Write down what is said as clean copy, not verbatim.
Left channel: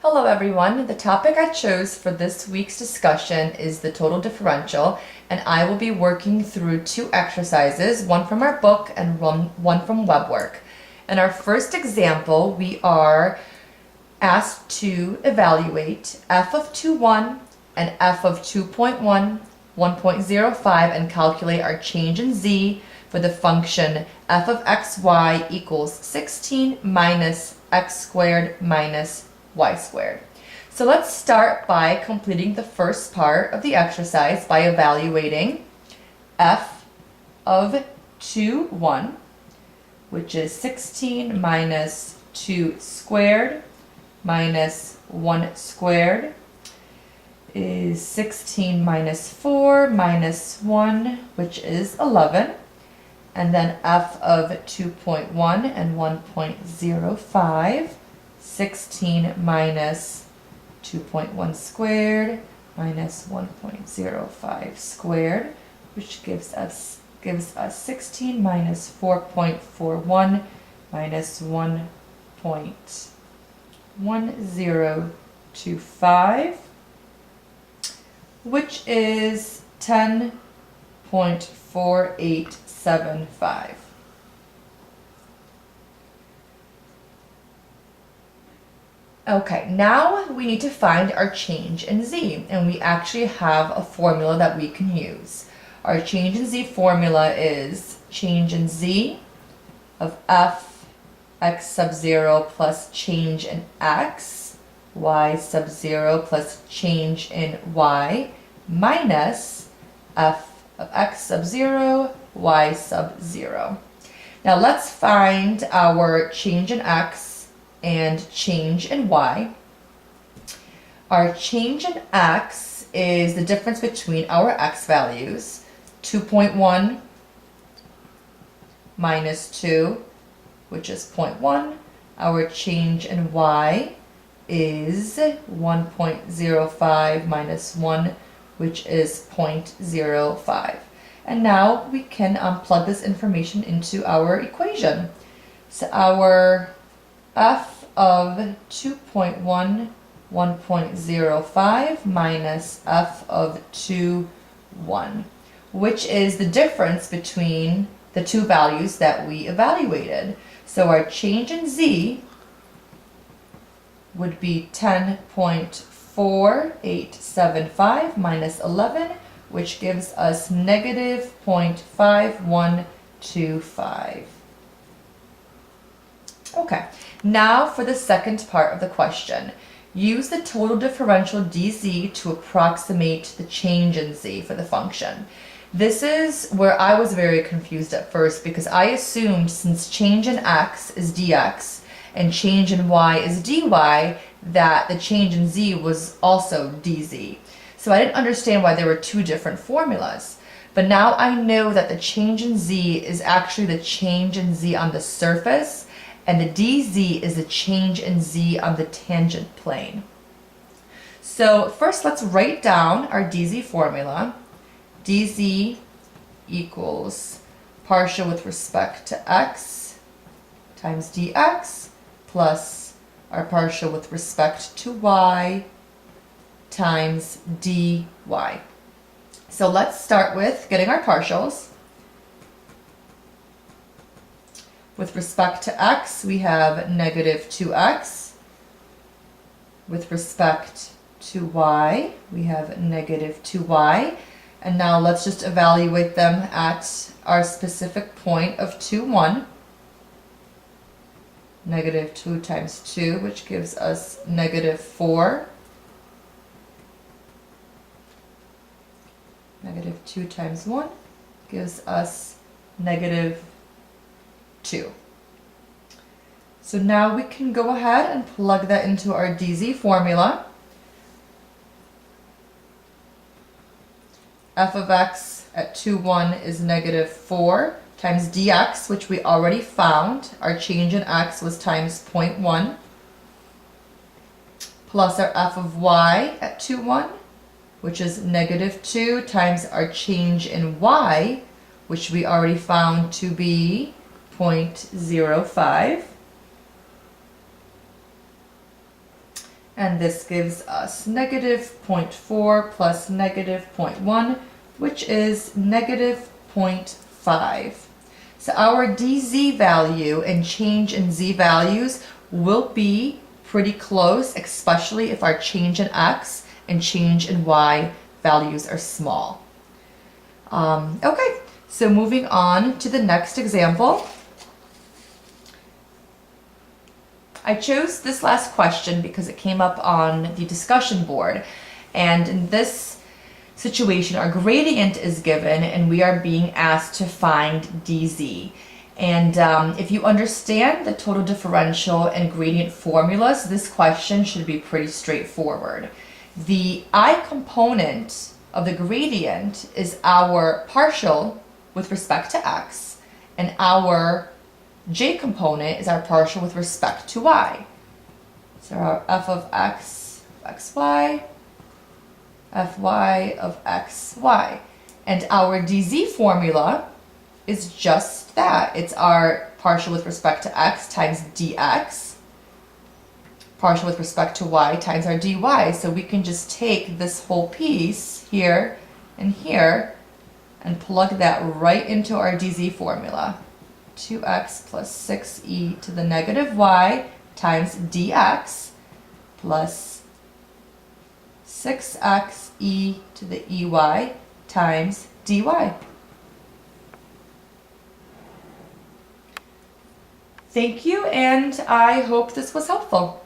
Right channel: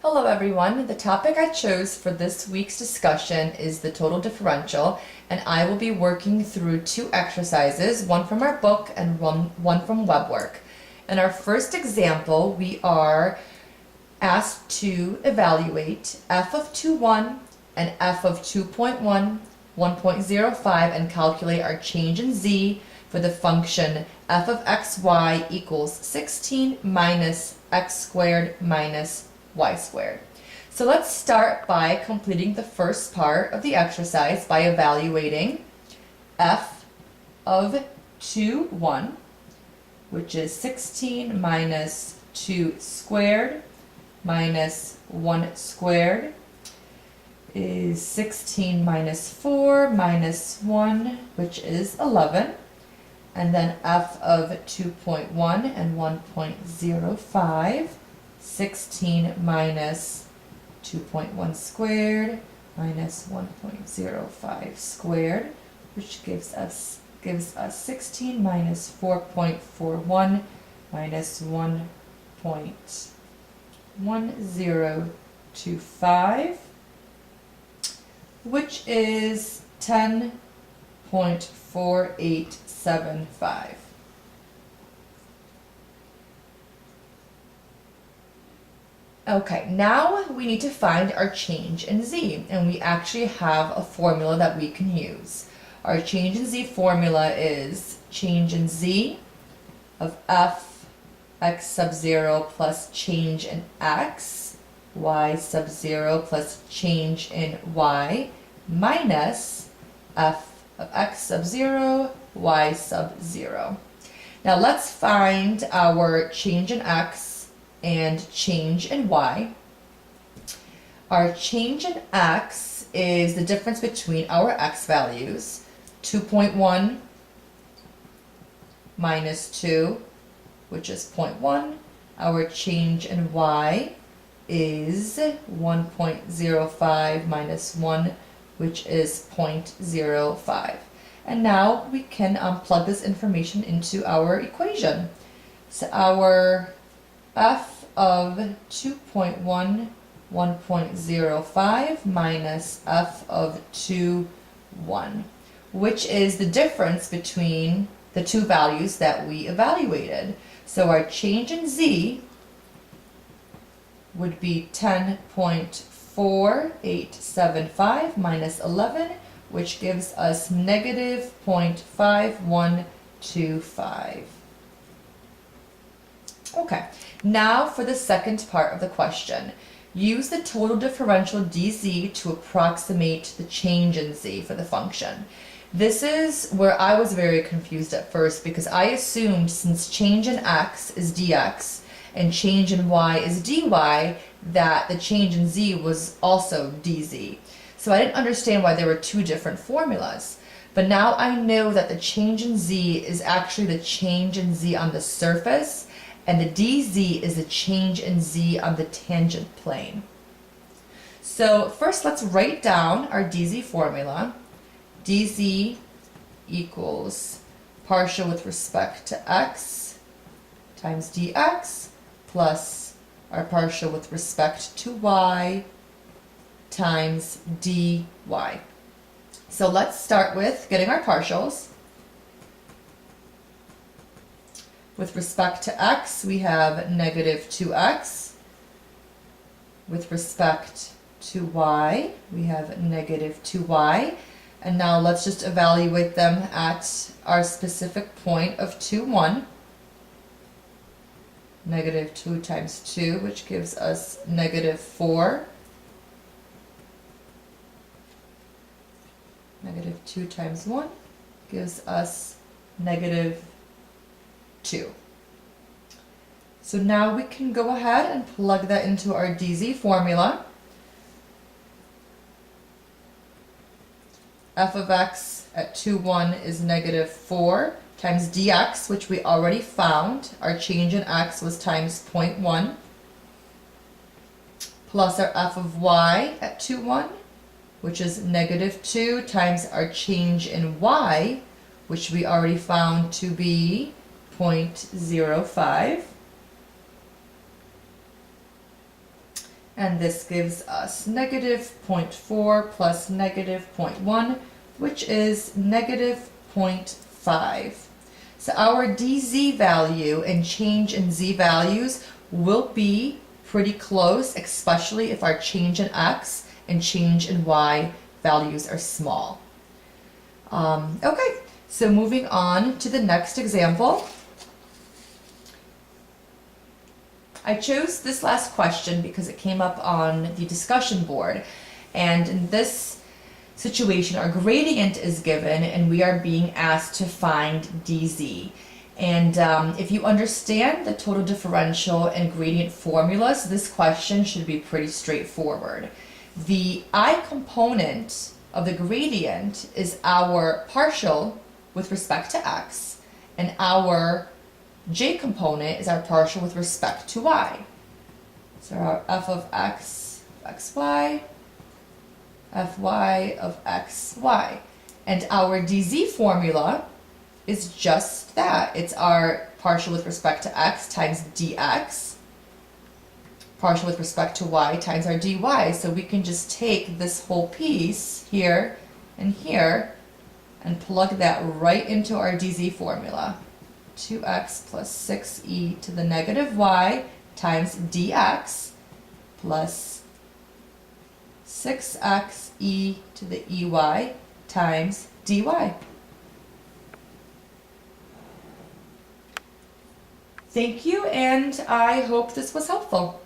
Hello everyone, the topic I chose for this week's discussion is the total differential, and I will be working through two exercises, one from our book and one from WebWork. In our first example, we are asked to evaluate f of 2.1 and f of 2.1, 1.05, and calculate our change in z for the function f of xy equals 16 minus x squared minus y squared. So let's start by completing the first part of the exercise by evaluating f of 2.1, which is 16 minus 2 squared minus 1 squared is 16 minus 4 minus 1, which is 11. And then f of 2.1 and 1.05, 16 minus 2.1 squared minus 1.05 squared, which gives us 16 minus 4.41 minus 1.1025, which is 10.4875. Okay, now we need to find our change in z, and we actually have a formula that we can use. Our change in z formula is change in z of f x sub 0 plus change in x, y sub 0 plus change in y, minus f of x sub 0, y sub 0. Now let's find our change in x and change in y. Our change in x is the difference between our x values, 2.1 minus 2, which is 0.1. Our change in y is 1.05 minus 1, which is 0.05. And now we can plug this information into our equation. So our f of 2.1, 1.05 minus f of 2.1, which is the difference between the two values that we evaluated. So our change in z would be 10.4875 minus 11, which gives us negative 0.5125. Okay, now for the second part of the question. Use the total differential dz to approximate the change in z for the function. This is where I was very confused at first, because I assumed since change in x is dx and change in y is dy, that the change in z was also dz. So I didn't understand why there were two different formulas. But now I know that the change in z is actually the change in z on the surface, and the dz is the change in z on the tangent plane. So first let's write down our dz formula. dz equals partial with respect to x times dx plus our partial with respect to y times dy. So let's start with getting our partials. With respect to x, we have negative 2x. With respect to y, we have negative 2y. And now let's just evaluate them at our specific point of 2.1. Negative 2 times 2, which gives us negative 4. Negative 2 times 1 gives us negative 2. So now we can go ahead and plug that into our dz formula. F of x at 2.1 is negative 4 times dx, which we already found. Our change in x was times 0.1, plus our f of y at 2.1, which is negative 2 times our change in y, which we already found to be 0.05. And this gives us negative 0.4 plus negative 0.1, which is negative 0.5. So our dz value and change in z values will be pretty close, especially if our change in x and change in y values are small. Okay, so moving on to the next example. I chose this last question because it came up on the discussion board. And in this situation, our gradient is given and we are being asked to find dz. And if you understand the total differential and gradient formulas, this question should be pretty straightforward. The I component of the gradient is our partial with respect to x, and our j component is our partial with respect to y. So our f of x of xy, fy of xy. And our dz formula is just that. It's our partial with respect to x times dx, partial with respect to y times our dy. So we can just take this whole piece here and here and plug that right into our dz formula. 2x plus 6e to the negative y times dx plus 6x e to the ey times dy. Thank you, and I hope this was helpful.